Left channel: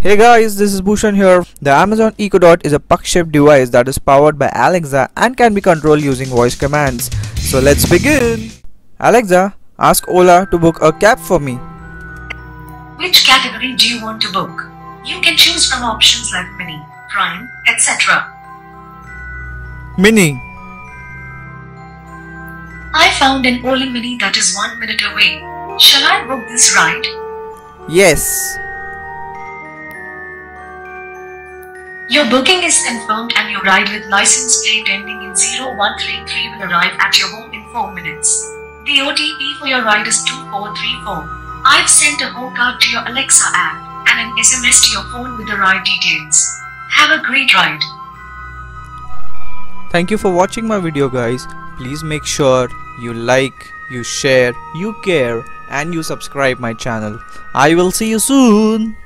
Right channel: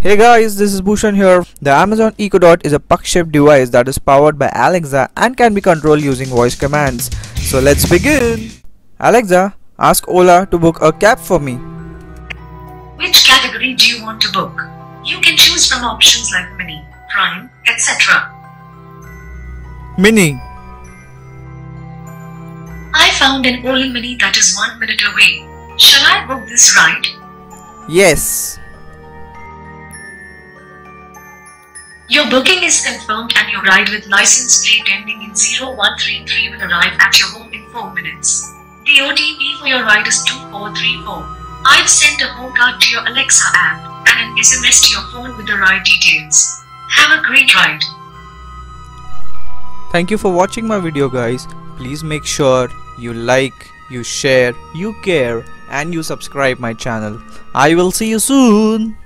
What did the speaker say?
Hey guys, this is Bhushan here. The Amazon Echo Dot is a puck-shaped device that is powered by Alexa and can be controlled using voice commands. So let's begin. Alexa, ask Ola to book a cab for me. Which category do you want to book? You can choose from options like Mini, Prime, etc. Mini. I found an Ola Mini that is 1 minute away. Shall I book this ride? Yes. Your booking is confirmed and your ride with license plate ending in 0133 will arrive at your home in 4 minutes. The OTP for your ride is 2434. I've sent a home card to your Alexa app and an SMS to your phone with the ride details. Have a great ride. Thank you for watching my video guys. Please make sure you like, you share, you care and you subscribe my channel. I will see you soon.